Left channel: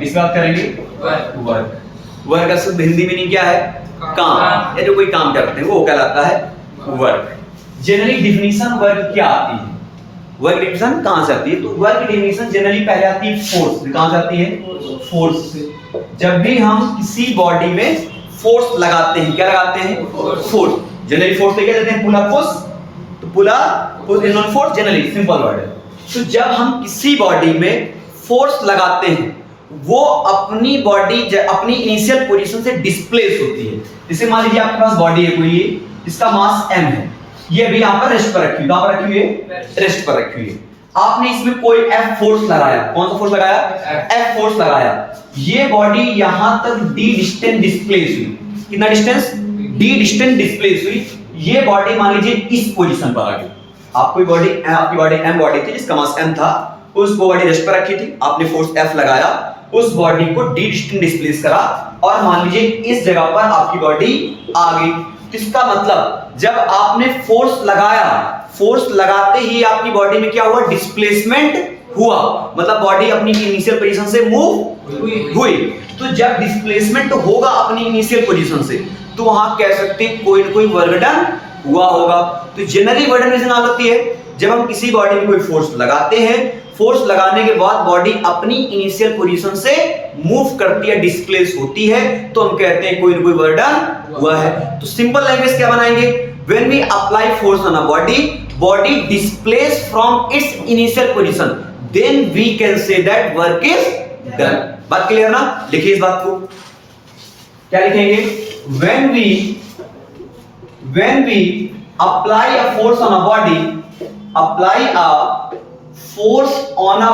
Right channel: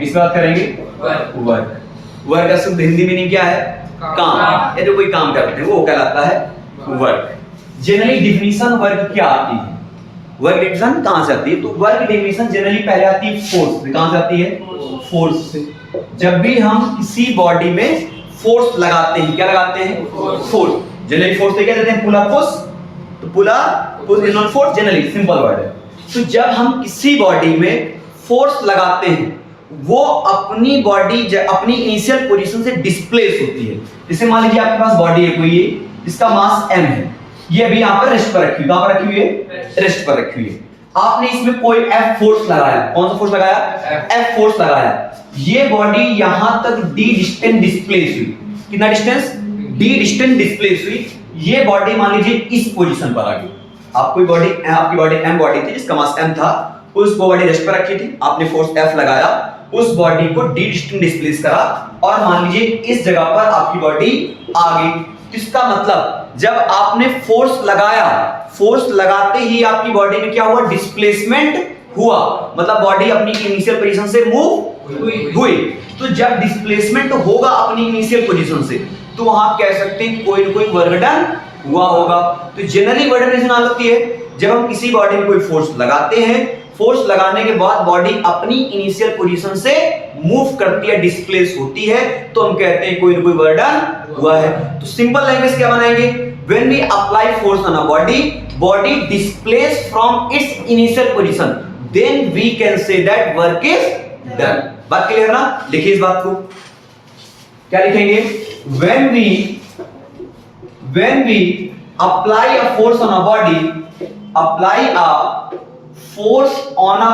किस बात करेंगे? वर्क। वर्क का शुद्ध हिंदी मीनिंग क्या है? काम, या जो कोई काम करते हैं वो कहलाता है वर्क। जनरली डिफिनीशन वर्क क्या आती है? वर्क डिफिनीशन कहां से आती है? तो वर्क डिफिनीशन जनरली पहले आती है फोर्स से। कहां से आती है? फोर्स से। जब भी हम किसी बॉडी में फोर्स लगाते हैं, क्या लगाते हैं? फोर्स। जनरली फोर्स से क्या कहते हैं? Pull up push. तो pull up push is non force, generally simple word है। तो जब हम किसी बॉडी में फोर्स लगाते हैं वो अपनी बॉडी अपनी इनिशियल पोजीशन से डिस्प्लेस होती है। जैसे मान लीजिए आपके पास बॉडी है कोई, ये इसका मास m है, ये अभी यहाँ पर रेस्ट पर रखी हुई, कहां पर रखी हुई है? रेस्ट पर रखी हुई है। आपने इसमें कोई F फोर्स लगाया, कौन सा फोर्स लगाया? F फोर्स लगाया। ये बॉडी यहां तक d डिस्टेंस डिस्प्लेस हुई। कितना डिस्टेंस? d डिस्टेंस डिस्प्लेस हुई। ये बॉडी मान लीजिए इस पोजीशन पर आ गई। आपकी बॉडी m बॉडी थी जिसका मास m था, उस बॉडी रेस्ट पर रखी थी, आपने फोर्स F लगाया, उस बॉडी को d डिस्टेंस डिस्प्लेस करा और मान लीजिए इस जगह पर आपकी बॉडी आ गई। इसका मतलब जब आपने फोर्स लगाया, फोर्स लगाते ही आपकी बॉडी में क्या हुआ? डिस्प्लेसमेंट हुआ, मतलब बॉडी अपनी इनिशियल पोजीशन से मूव हुई। तो जब डिस्प्लेसमेंट होगा अपनी इनिशियल पोजीशन से, तो वहां कह सकते हैं कोई ना कोई वर्क डन हुआ होगा। तो जनरली वर्क डन कैसे नाम लगती है? जब हम किसी बॉडी में कोई फोर्स लगाते हैं, फोर्स लगाने के बाद बॉडी अपनी इनिशियल पोजीशन से मूव करती है, डिस्प्लेस होती है, तो हम कहते हैं कोई ना कोई वर्क डन हुआ है। तो सिंपल लैंग्वेज क्या बनाएंगे? When we apply force on a body, body displace from its initial position, then we can say that work is done. बात क्लियर ना? लिखिए इस बात को, क्या लिखेंगे? when we apply a force on a body, apply a force on a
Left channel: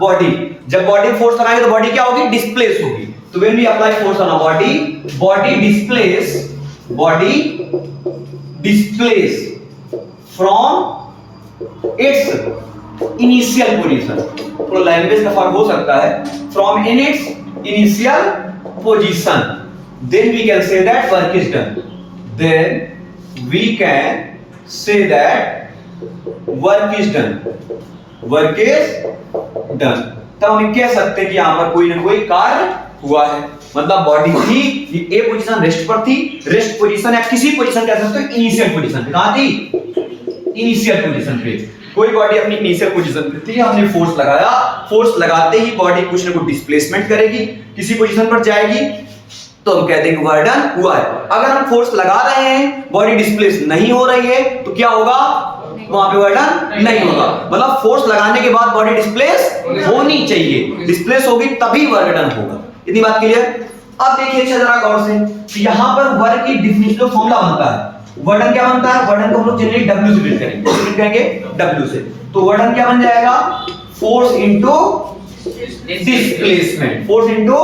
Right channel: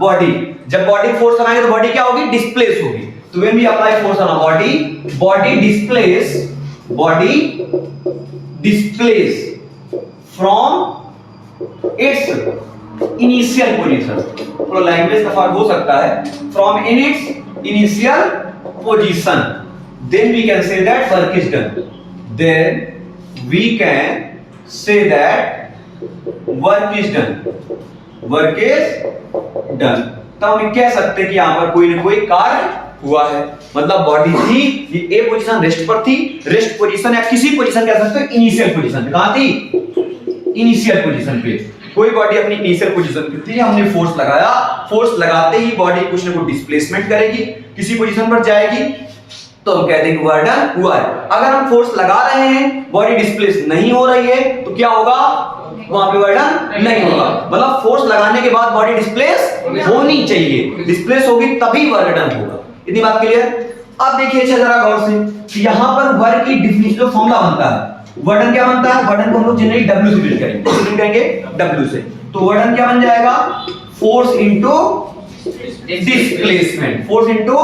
body, जब body force लगाएंगे तो बॉडी क्या होगी? डिस्प्लेस होगी। तो when we apply force on a body, body displace from its initial position। तो language का फर्क हो सकता है, from in its initial position, then we can say that work is done। then we can say that work is done। work is done। तो हम कह सकते हैं कि यहां पर कोई ना कोई कार्य हुआ है। मतलब बॉडी थी, ये ए पोजीशन रेस्ट पर थी, रेस्ट पोजीशन या किसी पोजीशन कह सकते हो इनिशियल पोजीशन पे। कहां थी? इनिशियल पोजीशन पे। कोई बॉडी अपनी इनिशियल पोजीशन पे थी, हमने फोर्स लगाया, फोर्स लगाते ही बॉडी कुछ ना कुछ डिस्प्लेसमेंट करेगी, किसी पोजीशन पर जाएगी, तो हम कहते हैं कि वर्क डन हुआ है। अगर हम फोर्स लगा रहे हैं, बॉडी डिस्प्लेस नहीं हो रही है, तो क्या होगा? वहां पे वर्क डन नहीं होगा। मतलब फोर्स लगाने के बाद बॉडी डिस्प्लेस होनी चाहिए, डिस्प्लेस होगी तभी वर्क डन होगा। इतनी बात क्लियर? अब देखिए अच्छा जरा गौर से, तो यहां पर वर्क की डिफिनिशन फॉर्मूला बनता है। वर्क डन क्या बनता है? वर्क डन को हम लोग जनरली W से बिल्ड करेंगे। किससे बिल्ड करेंगे? W से। तो वर्क डन क्या बन जाएगा? Force into displacement. Force into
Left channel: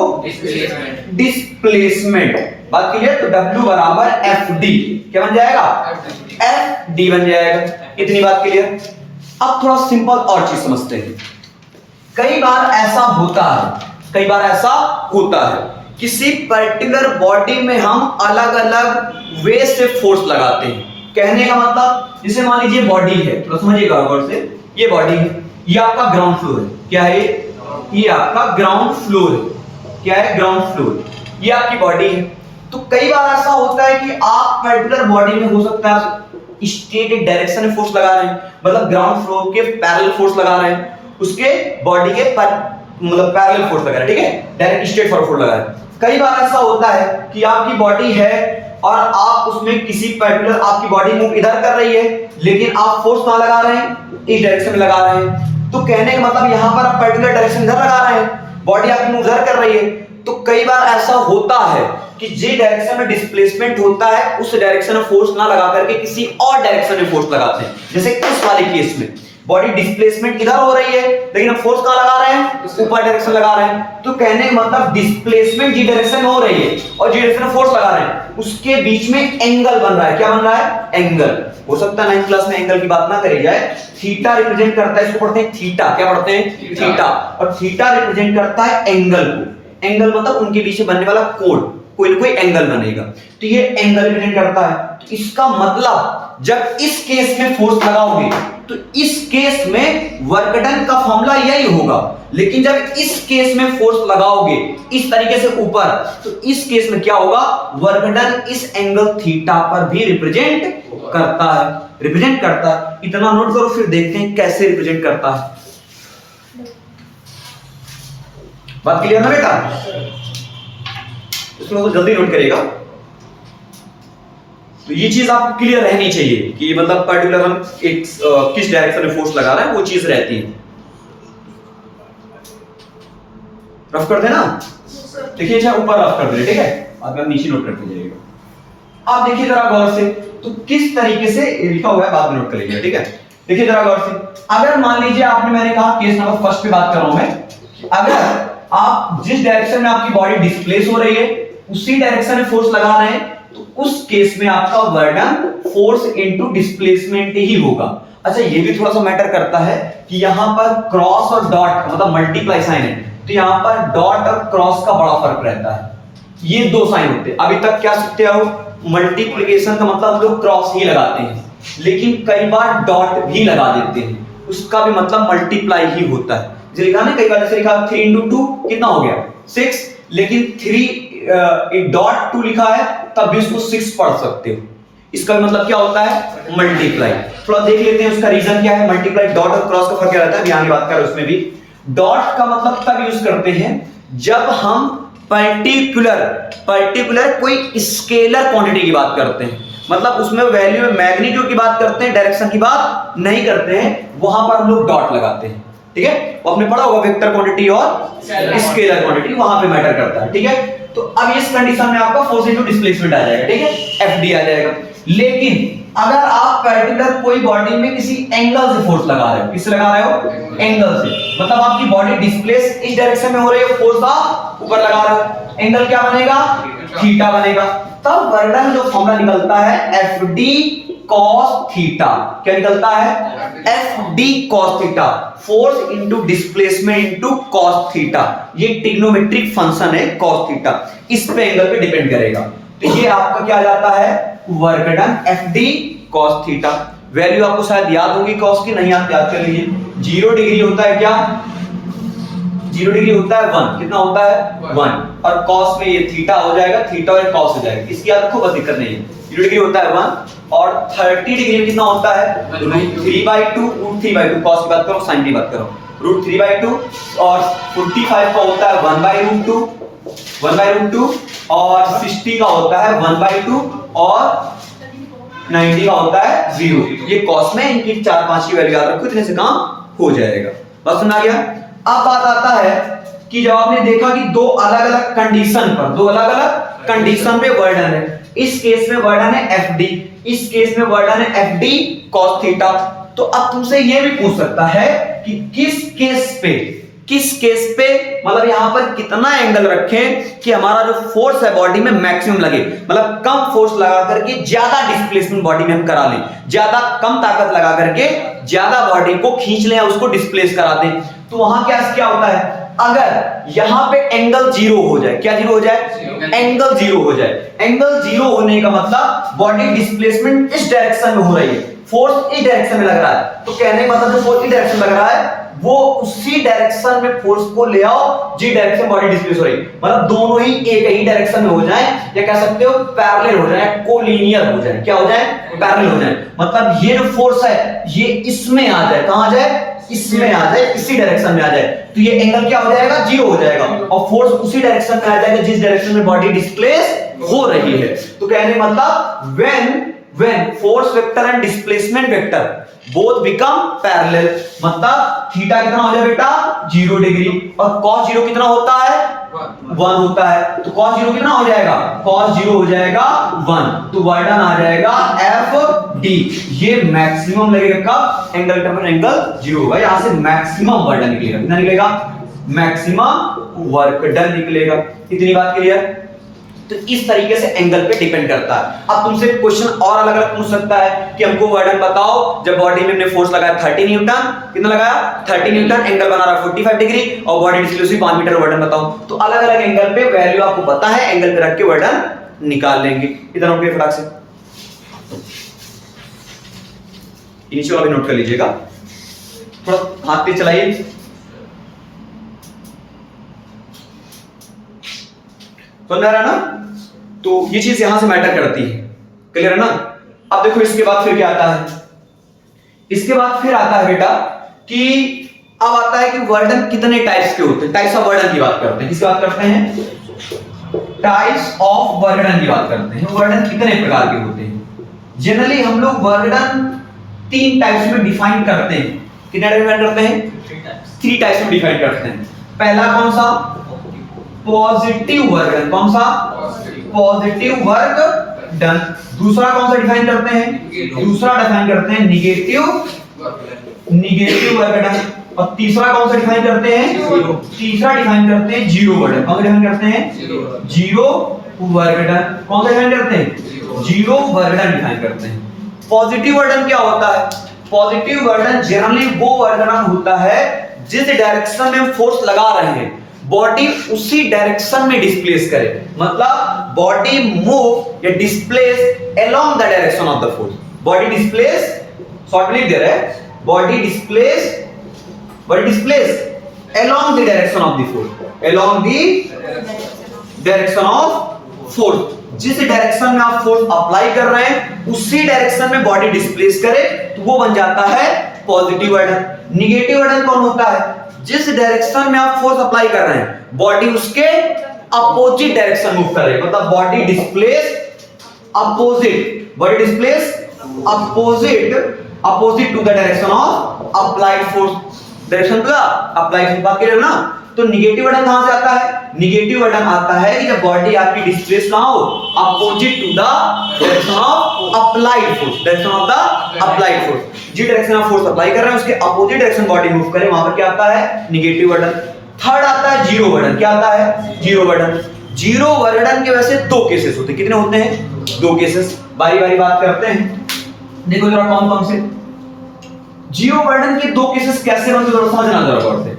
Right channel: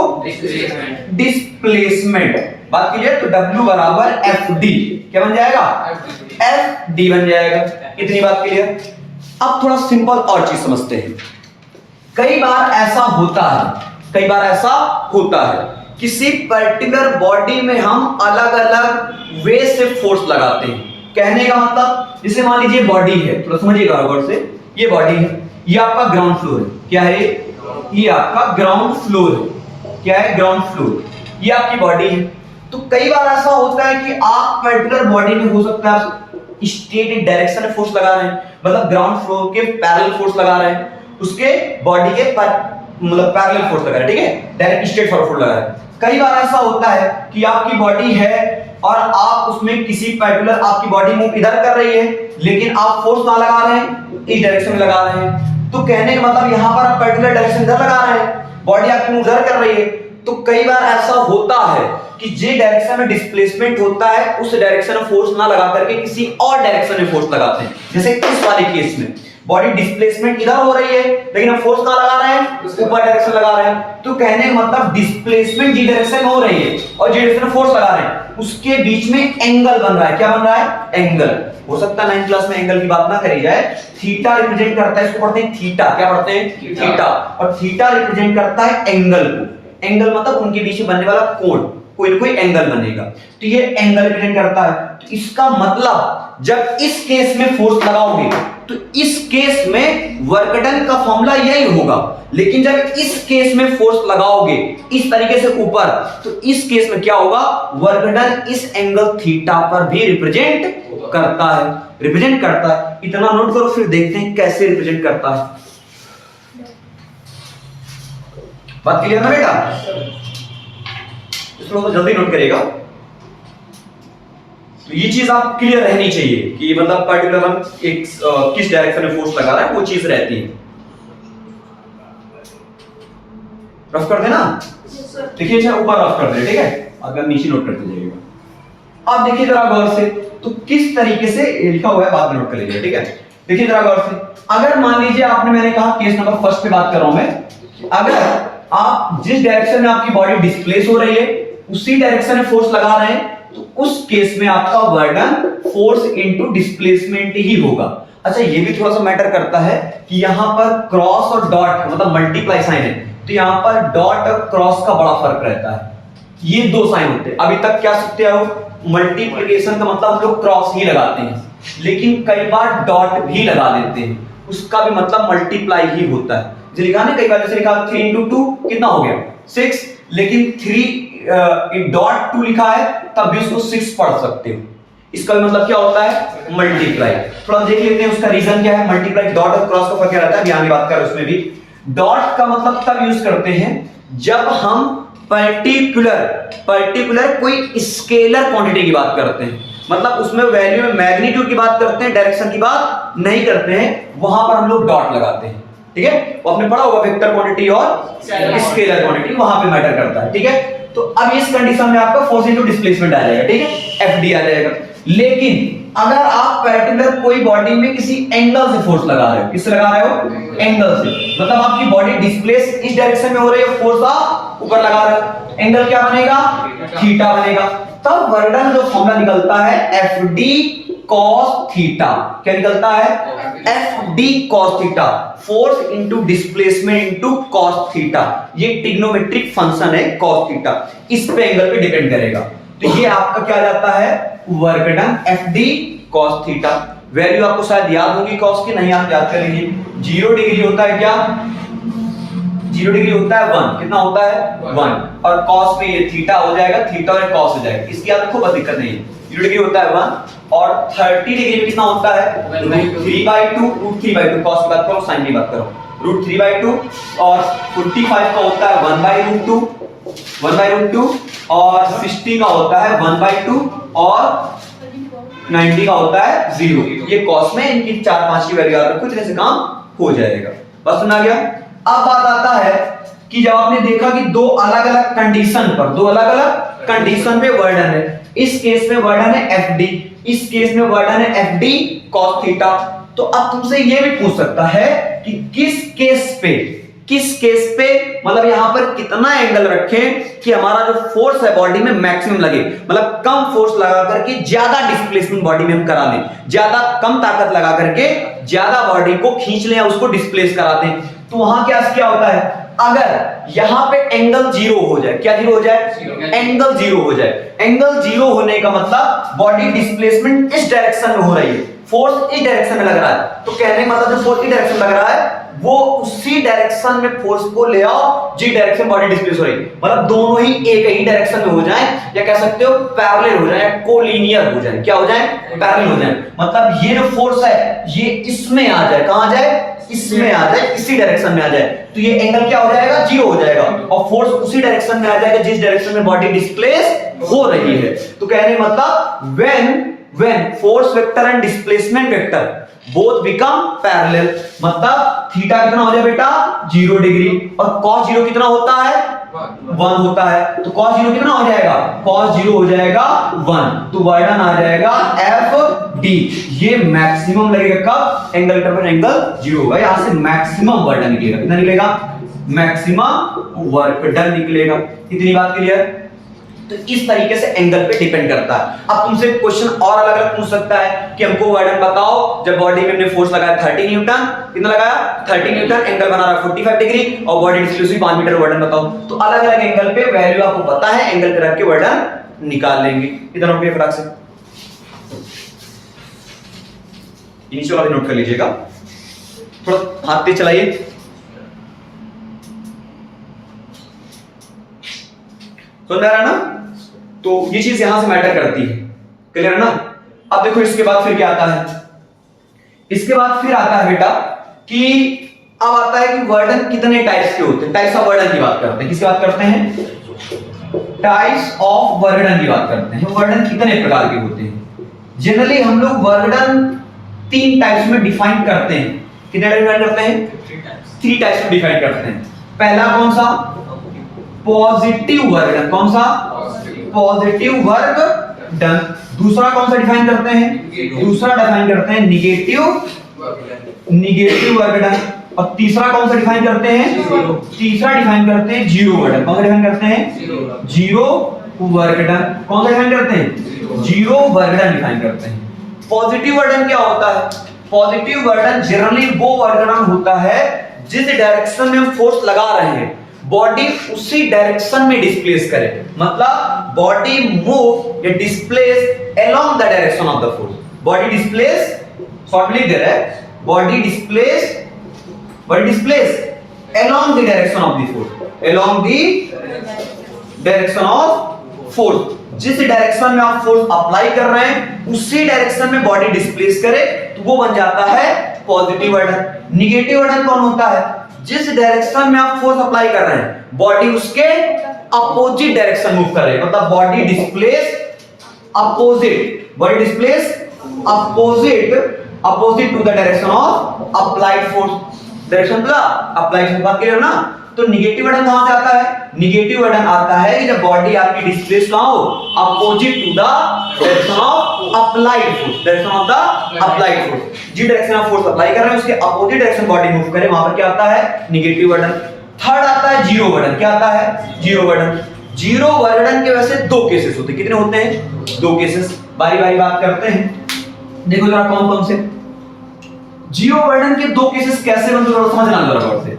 displacement. बात क्लियर? तो W बराबर FD क्या बन जाएगा? FD बन जाएगा। इतनी बात क्लियर? अब थोड़ा सिंपल और चीज समझते हैं। कई बार ऐसा होता है किसी पर्टिकुलर बॉडी में हम अलग अलग वे से फोर्स लगाते हैं। कहने का मतलब, जैसे मान लीजिए बॉडी है, थोड़ा समझिएगा गौर से, ये बॉडी है, ये आपका ग्राउंड फ्लोर है। क्या है ये? आपका ग्राउंड फ्लोर है। क्या है? Ground floor. ये आपकी बॉडी है। तो कई बार ऐसा होता है कि आप पर्टिकुलर बॉडी में हो सकता है स्ट्रेट डायरेक्शन में फोर्स लगा रहे हैं, मतलब ग्राउंड फ्लोर के पैरेलल फोर्स लगा रहे हैं, उसके बॉडी के मतलब पैरेलल फोर्स लगा रहे हैं, ठीक है, डायरेक्ट स्ट्रेट फोर्स लगा रहे हैं। कई बार ऐसा होता है कि आपकी बॉडी है और आप उसमें किसी पर्टिकुलर, आपकी बॉडी मूव इधर कर रही है, लेकिन आप फोर्स कहां लगा रहे हैं? इस डायरेक्शन में लगा रहे हैं। तो कहने का मतलब यहां पर आप पर्टिकुलर डायरेक्शन इधर लगा रहे हैं, बॉडी आपकी मूव इधर कर रही है। तो कई बार ऐसा होता है कि जे डायरेक्शन में डिस्प्लेसमेंट होता है, उस डायरेक्शन में फोर्स ना लगा करके किसी और डायरेक्शन में फोर्स लगाते हैं। जैसे इस वाले केस में बॉडी डिस्प्लेसमेंट इधर हो रही है, लेकिन हम फोर्स कहां लगा रहे हैं? ऊपर डायरेक्शन लगा रहे हैं। तो कहने का मतलब डिस्प्लेसमेंट जी डायरेक्शन में हो रही है और जी डायरेक्शन में फोर्स लगा रहे हैं, उसके बीच में एंगल बन रहा है। क्या बन रहा है? एंगल। हो सकता है 9th क्लास में एंगल की बात ना करी जाए। थीटा रिप्रेजेंट करता है, इसको पढ़ते हैं थीटा। क्या पढ़ते हैं? थीटा। और थीटा रिप्रेजेंट करता है एंगल को। एंगल मतलब उनके बीच में बनने वाला कोण, कोई ना कोई एंगल बनेगा। तो ये एंगल रिप्रेजेंट करता है। तो इसका मतलब जब इस केस में फोर्स लगाओगे तो इस केस में वर्क डन का फॉर्मूला यही होगा, लेकिन जब इस केस में फोर्स लगाओगे इस तरीके से ऊपर, तो इस केस में क्या होगा, वर्क डन इस एंगल थीटा पर भी रिप्रेजेंट करता है। इतना नोट करो, फिर देखते हैं कैसे रिप्रेजेंट करता है। बात क्लियर है बेटा? इसको जल्दी नोट करिएगा। तो ये चीज आप क्लियर रहनी चाहिए कि मतलब पर्टिकुलर हम एक किस डायरेक्शन में फोर्स लगा रहे हैं, वो चीज रहती है। रफ कर देना, देखिए चाहे ऊपर रफ कर दे, ठीक है, बाद में नीचे नोट करते जाइएगा। अब देखिए जरा गौर से, तो किस तरीके से लिखा हुआ है बाद में नोट कर लीजिए, ठीक है। देखिए जरा गौर से, अगर मान लीजिए आपने, मैंने कहा केस नंबर फर्स्ट पे बात कर रहा हूं मैं, अगर आप जिस डायरेक्शन में आपकी बॉडी डिस्प्लेस हो रही है उसी डायरेक्शन में फोर्स लगा रहे हैं, तो उस केस में आपका work done force into displacement ही होगा। अच्छा, ये भी थोड़ा सा मैटर करता है कि यहां पर क्रॉस और डॉट मतलब मल्टीप्लाई साइन है, तो यहां पर डॉट और क्रॉस का बड़ा फर्क रहता है। ये दो साइन होते हैं। अभी तक क्या सीखते हो, मल्टीप्लिकेशन का मतलब हम लोग क्रॉस ही लगाते हैं, लेकिन कई बार डॉट भी लगा देते हैं, उसका भी मतलब मल्टीप्लाई ही होता है। जो लिखा ना, कई बार जैसे लिखा 3 into 2 कितना हो गया 6, लेकिन 3 डॉट 2 लिखा है तब भी उसको 6 पढ़ सकते हो। इसका मतलब क्या होता है, मल्टीप्लाई। थोड़ा देख लेते हैं उसका रीजन क्या है। मल्टीप्लाई डॉट और क्रॉस का फर्क क्या रहता है, यहां की बात कर उसमें भी डॉट का मतलब तब यूज करते हैं जब हम पर्टिकुलर कोई स्केलर क्वांटिटी की बात करते हैं, मतलब उसमें वैल्यू में मैग्नीट्यूड की बात करते हैं, डायरेक्शन की बात नहीं करते हैं, वहां पर हम लोग डॉट लगाते हैं, ठीक है। वो आपने पढ़ा होगा वेक्टर क्वांटिटी और स्केलर क्वांटिटी, वहां पे मैटर करता है, ठीक है। तो अब इस कंडीशन में आपका फोर्स इनटू डिस्प्लेसमेंट आ जाएगा, ठीक है, एफडी आ जाएगा। लेकिन अगर आप पर्टिकुलर कोई बॉडी में किसी एंगल से फोर्स लगा रहे हो, किससे लगा रहे हो, एंगल से, मतलब आपकी बॉडी डिस्प्लेस इस डायरेक्शन में हो रही है, फोर्स आप ऊपर लगा रहे हो, एंगल क्या बनेगा, थीटा बनेगा। तब वर्क डन जो फॉर्मूला निकलता है एफडी कॉस थीटा। क्या निकलता है, FD cos theta, force into displacement into cos theta. ये ट्रिग्नोमेट्रिक फंक्शन है कॉस थीटा, इस पे एंगल पे डिपेंड करेगा। तो ये आपका क्या जाता है, work done FD cos theta. Value आपको शायद याद होगी कॉस की, नहीं आप याद कर लीजिए। 0 डिग्री होता है क्या, 0 डिग्री होता है 1, कितना होता है 1, और कॉस में ये थीटा हो जाएगा, थीटा और कॉस हो जाएगा, इसकी याद रखो, बस दिक्कत नहीं है। 0 डिग्री होता है 1 और 30 डिग्री में कितना होता है, √3/2, √3/2 कॉस की बात करो, साइन की बात करो, √3/2, और 45 का होता है 1/√2, 1/√2, और 60 का होता है 1/2, और 90 का होता है 0। ये कॉस में इनकी 4-5 की वैल्यू याद रखो, इतने से काम हो जाएगा। बस सुना गया। अब बात आता है कि जब आपने देखा कि दो अलग अलग कंडीशन पे वर्क डन है, इस केस में वर्क डन है एफडी, इस केस में वर्क डन है एफडी कॉस थीटा, तो अब तुमसे ये भी पूछ सकता है कि किस केस पे मतलब यहां पर कितना एंगल रखें कि हमारा जो फोर्स है बॉडी में मैक्सिमम लगे, मतलब कम फोर्स लगा करके ज्यादा डिस्प्लेसमेंट बॉडी में हम करा लें, ज्यादा कम ताकत लगा करके ज्यादा बॉडी को खींच लें या उसको डिस्प्लेस करा दें। तो वहां क्या होता है, अगर यहां पे एंगल 0 हो जाए, क्या 0 हो जाए, एंगल 0 हो जाए। एंगल 0 होने का मतलब बॉडी डिस्प्लेसमेंट इस डायरेक्शन में हो रही है, फोर्स इस डायरेक्शन में लग रहा है, तो कहने का मतलब जो फोर्स इस डायरेक्शन में लग रहा है वो उसी डायरेक्शन में फोर्स को ले आओ जिस डायरेक्शन बॉडी डिस्प्लेस हो रही है, मतलब दोनों ही एक ही डायरेक्शन में हो जाएं, या कह सकते हो पैरेलल हो जाए, कोलिनियर हो जाए। क्या हो जाए, पैरेलल हो जाए, मतलब ये जो फोर्स है ये इसमें आ जाए, कहां आ जाए, इसमें आ जाए, इसी डायरेक्शन में आ जाए, तो ये एंगल क्या हो जाएगा, 0 हो जाएगा, और फोर्स उसी डायरेक्शन में आ जाएगा जिस डायरेक्शन में बॉडी डिस्प्लेस हो रही है। तो कहने मतलब when force vector and displacement vector both become parallel, मतलब थीटा कितना हो जाए बेटा, 0 डिग्री, और cos 0 कितना होता है, 1 होता है, तो cos 0 कितना हो जाएगा, cos 0 हो जाएगा 1, तो वर्क डन आ जाएगा FD। ये मैक्सिमम लगेगा कब, एंगल पर एंगल 0 होगा, यहां से मैक्सिमम वर्क डन निकलेगा। कितना निकलेगा, मैक्सिमम वर्क डन निकलेगा। इतनी बात क्लियर। तो इस तरीके से एंगल पे डिपेंड करता है। अब तुमसे क्वेश्चन और अलग अलग पूछ सकता है कि हमको वर्क डन बताओ, जब बॉडी में हमने फोर्स लगाया 30 न्यूटन, कितना लगाया 30 न्यूटन, एंगल बना रहा है 45 डिग्री, और बॉडी डिस्प्लेस हुई 5 मीटर, वर्क डन बताओ। तो अलग अलग एंगल पे वैल्यू आपको पता है, एंगल पे रख के वर्क डन निकाल लेंगे। इधर हो गए फटाक से। इनिशियल अभी नोट कर लीजिएगा, थोड़ा हाथ तेज चलाइए। समझ आ रहा है ना? तो ये चीज यहां से मैटर करती है, क्लियर है ना? अब देखो इसके बाद फिर क्या आता है, इसके बाद फिर आता है बेटा कि अब आता है कि वर्डन कितने टाइप्स के होते हैं। टाइप्स ऑफ वर्डन की बात करते हैं। किसकी बात करते हैं? टाइप्स ऑफ वर्डन की बात करते हैं। वर्डन कितने प्रकार के होते हैं? जनरली हम लोग वर्डन 3 टाइप्स में डिफाइन करते हैं। कितने टाइप में करते हैं? 3 टाइप्स में डिफाइन करते हैं। पहला कौन सा? पॉजिटिव वर्डन। कौन सा? पॉजिटिव वर्डन। दूसरा कौन सा डिफाइन करते हैं? दूसरा डिफाइन करते हैं निगेटिव वर्डन। और तीसरा कौन सा डिफाइन करते हैं? तीसरा डिफाइन करते हैं जीरो वर्डन। कौन सा डिफाइन करते हैं? जीरो वर्डन। कौन सा डिफाइन करते हैं? जीरो वर्डन डिफाइन करते हैं। पॉजिटिव वर्डन क्या होता है? पॉजिटिव वर्डन जनरली वो वर्डन होता है जिस डायरेक्शन में हम फोर्स लगा रहे हैं बॉडी उसी डायरेक्शन में डिस्प्लेस करे। मतलब बॉडी मूव या displace along the direction of the force. Body displace, short में लिख दे रहा है, body displace along the direction of the force, along the direction of force। जिस डायरेक्शन में आप फोर्स अप्लाई कर रहे हैं उसी डायरेक्शन में बॉडी डिस्प्लेस करे तो वो बन जाता है पॉजिटिव वर्डन। निगेटिव वर्डन कौन होता है? जिस डायरेक्शन में आप फोर्स अप्लाई कर रहे हैं बॉडी उसके अपोजिट डायरेक्शन मूव करे। मतलब body displace opposite to the direction of applied force. Direction का अप्लाइड फोर्स बात करें ना, तो निगेटिव वर्डन कहां से आता है? निगेटिव वर्डन आता है कि जब बॉडी आपकी डिस्प्लेस ना हो opposite to the direction of applied force. Direction of the applied force, जिस डायरेक्शन में फोर्स अप्लाई कर रहे हैं उसके अपोजिट डायरेक्शन बॉडी मूव करे, वहां पर क्या आता है? निगेटिव वर्डन। थर्ड आता है जीरो वर्डन। क्या आता है? जीरो वर्डन। जीरो वर्डन के वैसे 2 केसेस होते हैं। कितने होते हैं? 2 केसेस। बारी बारी बात करते हैं। देखो जरा कौन कौन से जीरो वर्डन के 2 केसेस कैसे बनते हैं समझना जरा गौर से।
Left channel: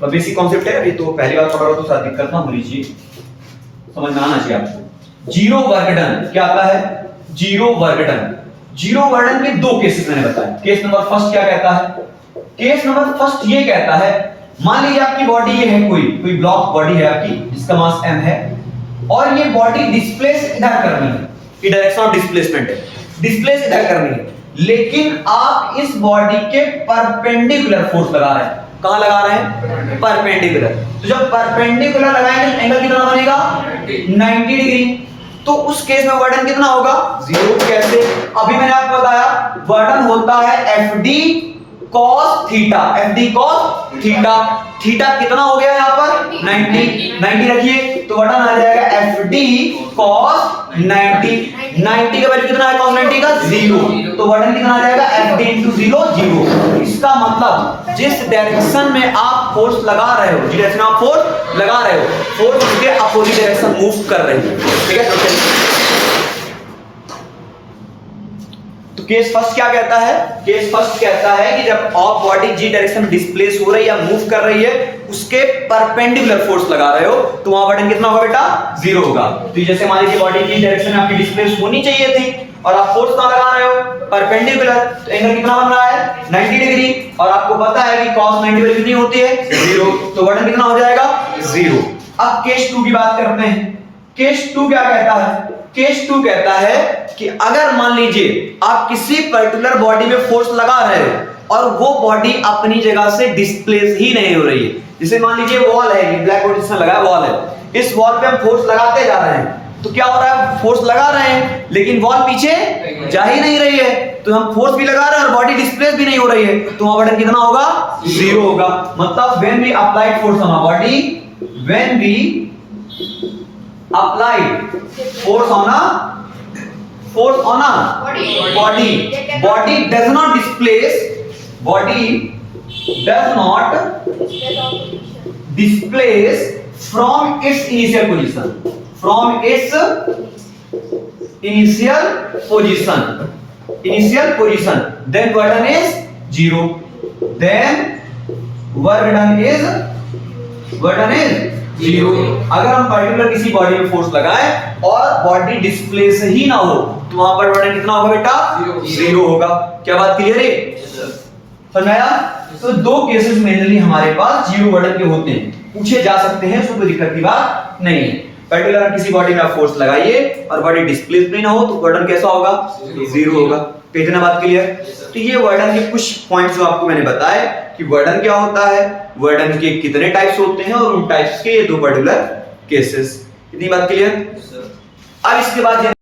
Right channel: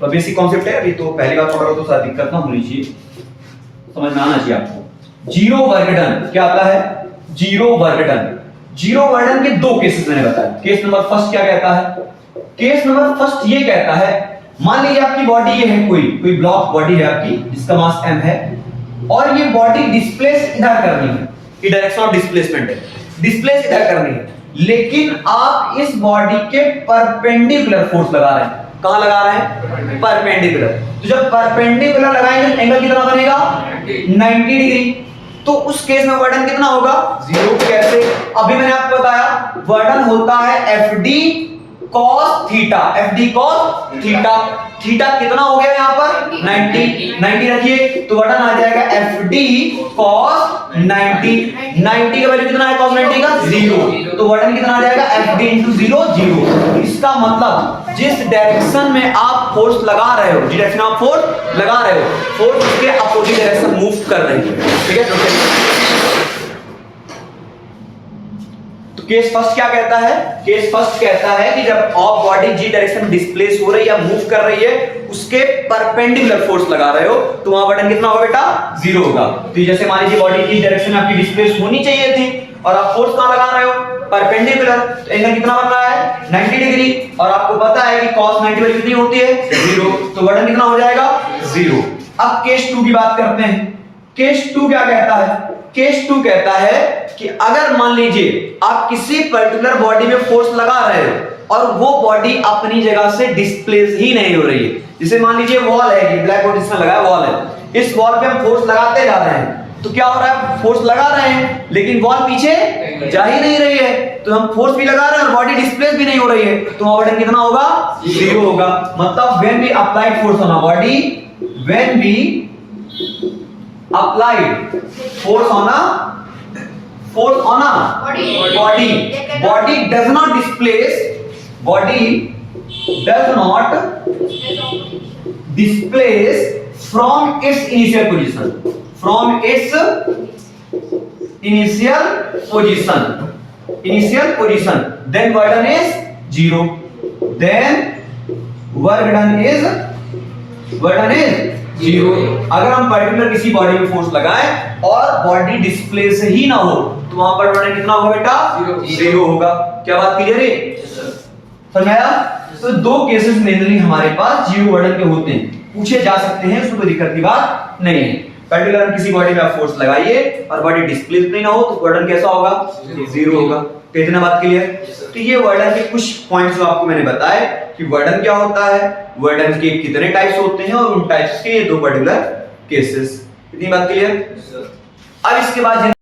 तो बेसिक कॉन्सेप्ट है, अभी तो पहली बार पढ़ रहे हो तो शायद दिक्कत ना होनी चाहिए, समझना आना चाहिए आपको। जीरो वर्डन क्या आता है? जीरो वर्डन के 2 केसेस मैंने बताया। केस नंबर फर्स्ट क्या कहता है? केस नंबर फर्स्ट ये कहता है, मान लीजिए आपकी बॉडी ये है, कोई ब्लॉक बॉडी है आपकी जिसका मास m है और ये बॉडी डिस्प्लेस इधर करनी है, ये डायरेक्शन ऑफ डिस्प्लेसमेंट है, डिस्प्लेस इधर करनी है, लेकिन आप इस बॉडी के परपेंडिकुलर फोर्स लगा रहे हैं। कहां लगा रहे हैं? परपेंडिकुलर। तो जब परपेंडिकुलर लगाएंगे एंगल कितना बनेगा? 90 डिग्री। तो उस केस में वर्डन कितना होगा? 0। कैसे? अभी मैंने आपको बताया वर्डन होता है FD cos theta. FD cos theta. Theta कितना हो गया यहाँ पर? 90 रखिए तो वर्डन आ जाएगा FD cos 90। 90 का वैल्यू कितना है? cos 90 का 0। तो वर्डन कितना आ जाएगा? FD into 0 0। इसका मतलब जिस डायरेक्शन में आप फोर्स लगा रहे हो, जिस डायरेक्शन में आप फोर्स लगा रहे हो, फोर्स उसके अपोजिट डायरेक्शन मूव कर रही है। ठीक है? तो केस फर्स्ट क्या कहता है? केस फर्स्ट कहता है कि जब आप बॉडी जी डायरेक्शन में डिस्प्लेस हो रही है या मूव कर रही है उसके परपेंडिकुलर फोर्स लगा रहे हो तो वहां वर्डन कितना होगा बेटा? 0 होगा। तो जैसे मान लीजिए बॉडी किस डायरेक्शन में आपकी डिस्प्लेस होनी चाहिए थी और आप फोर्स कहां लगा रहे हो? परपेंडिकुलर। तो एंगल कितना बन रहा है? 90 डिग्री। और आपको पता है कि cos 90 वैल्यू कितनी होती है? 0। तो वर्डन कितना हो जाएगा? 0। अब केस 2 की बात करते हैं। केस 2 क्या कहता है? केस 2 कहता है कि अगर मान लीजिए आप किसी पर्टिकुलर बॉडी में फोर्स लगा रहे हो और वो बॉडी अपनी जगह से डिस्प्लेस ही नहीं हो रही है, जैसे मान लीजिए वॉल है, ये ब्लैक बोर्ड जिसमें लगा है वॉल है, इस वॉल पे हम फोर्स लगाते जा रहे हैं तो क्या हो रहा है? फोर्स लगा रहे हैं लेकिन वॉल पीछे जा ही नहीं रही है, तो हम फोर्स भी लगा रहे हैं और बॉडी डिस्प्लेस भी नहीं हो रही है, तो वहां वर्डन कितना होगा? 0 होगा। मतलब when we applied force on a body, when we applied force on a body does not displace from its initial position, then work done is 0. Then work done is zero. अगर हम पर्टिकुलर किसी body में force लगाएं और body displace ही ना हो तो वहां पर वर्डन कितना होगा बेटा? जीरो होगा। क्या बात क्लियर है? समझ आया? तो दो केसेस मेनली हमारे पास जीरो वर्डन के होते हैं, पूछे जा सकते हैं, उसमें कोई दिक्कत की बात नहीं है। पर्टिकुलर किसी बॉडी में फोर्स लगाइए और बॉडी डिस्प्लेस नहीं ना हो तो वर्डन कैसा होगा? जीरो होगा। तो इतना बात क्लियर? तो ये वर्डन के कुछ पॉइंट्स जो आपको मैंने बताए कि वर्डन क्या होता है, वर्डन के कितने टाइप्स होते हैं और उन टाइप्स के ये दो पर्टिकुलर केसेस। इतनी बात क्लियर? अब इसके बाद